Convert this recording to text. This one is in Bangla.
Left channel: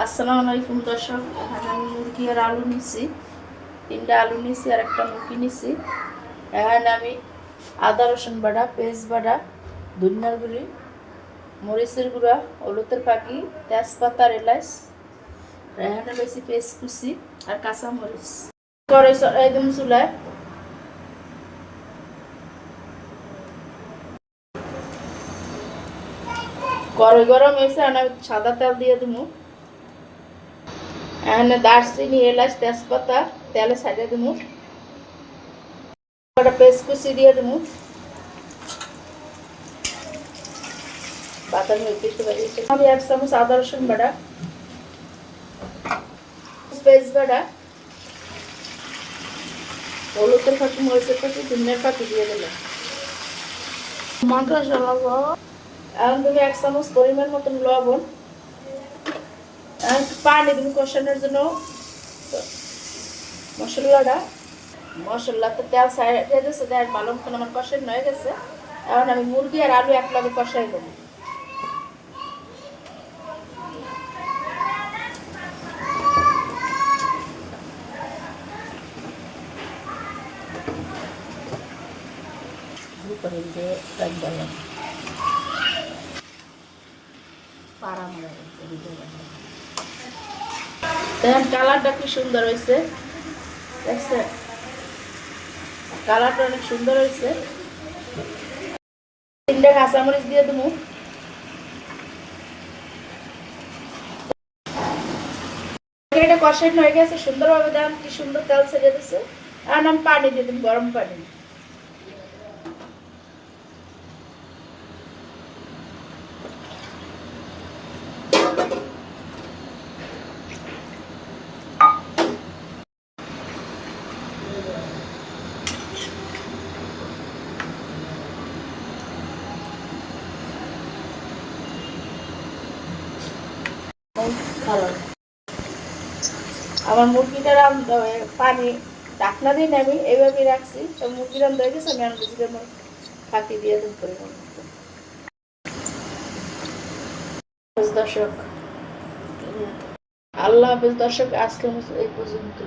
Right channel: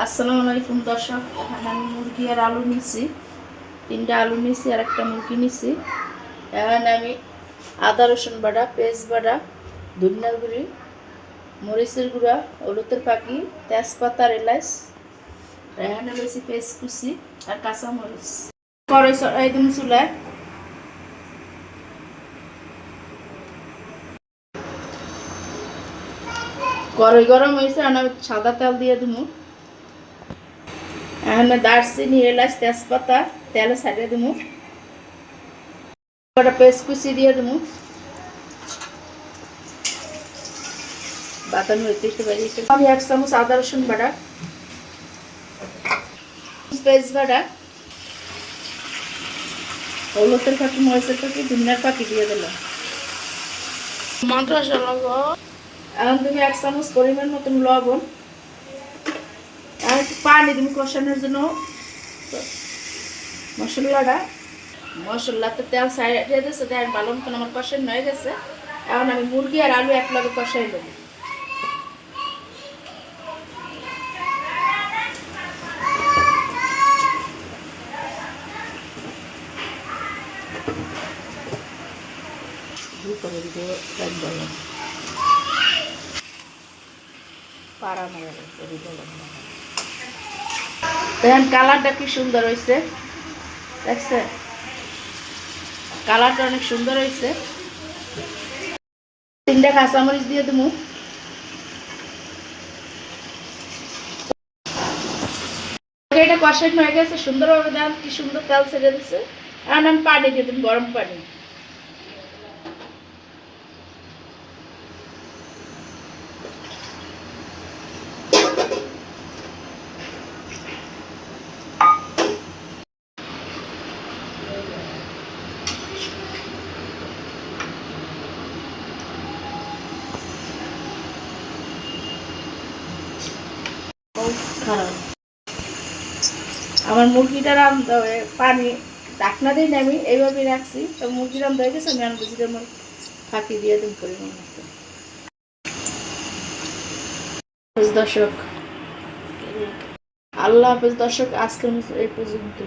আসসালামু আলাইকুম দর্শক। এখানে আমি মুরগি আর আলু নিছি, 3টা আলু নিছি আর একটা মুরগি নিছি। এখানে আমি আদা রসুন বাটা, পেঁয়াজ বাটা, ধনিয়ার গুঁড়ি, মরিচের গুঁড়া, হলুদের পাখি, তেজপাতা, এলাচ, এখানে বেশি পেঁয়াজ কুচি আর কাঁচা মরিচ। কড়াই একদম চুলায় কড়াই গরম হয়েছে, আমি সাদা তেল দিয়ে দিব। এখানে দারচিনি, এলাচ, তেজপাতা তেলে ছাড়িয়ে দিব। একটা পেস্ট কুচি দিয়ে দিব। বাদামি হইতে পারি। আমি 1 চামচ আদা রসুন বাটা, পেস্ট বাটা, হলুদের ফাঁকি, মরিচের ফাঁকি, ধনিয়ার ফাঁকি দিয়ে দিলাম। মশলা লবণ, এখন তুমি 1 চামচ পরিমাণ মতন লবণ, একটু পানি তুমি কষানোর জন্য। মশলাতে তেল ছাড়িয়ে দিয়েছে, দেখ ভালো মতন আমার কষানো হয়ে গেছে। এখন আমি মুরগি আর আলু একলগে কষাই দেবো। দেখেন কালারটা কি সুন্দর হয়েছে, দেখছেন? কালারটা অনেক সুন্দর হয়েছে। 3টা কাঁচামরিচ দিয়ে দেবো। এটা কষানো হয়ে গেছে সুন্দরভাবে, দেখেন কি সুন্দর তেল ছেড়ে দিচ্ছে। এখন আমি পানি দিয়ে দেবো, গরম পানি। আমার মুরগিটা রান্না পানি ঢাকনা দিয়ে আমি এইভাবে রাখছি, তো মুরগি রান্না হয়ে গেছে। আমি আর মুরগিটার ফাঁকি দিয়ে দিন করে দর্শক। আল্লাহ হাফেজ দর্শক, আজকের মতো এই পর্যন্ত।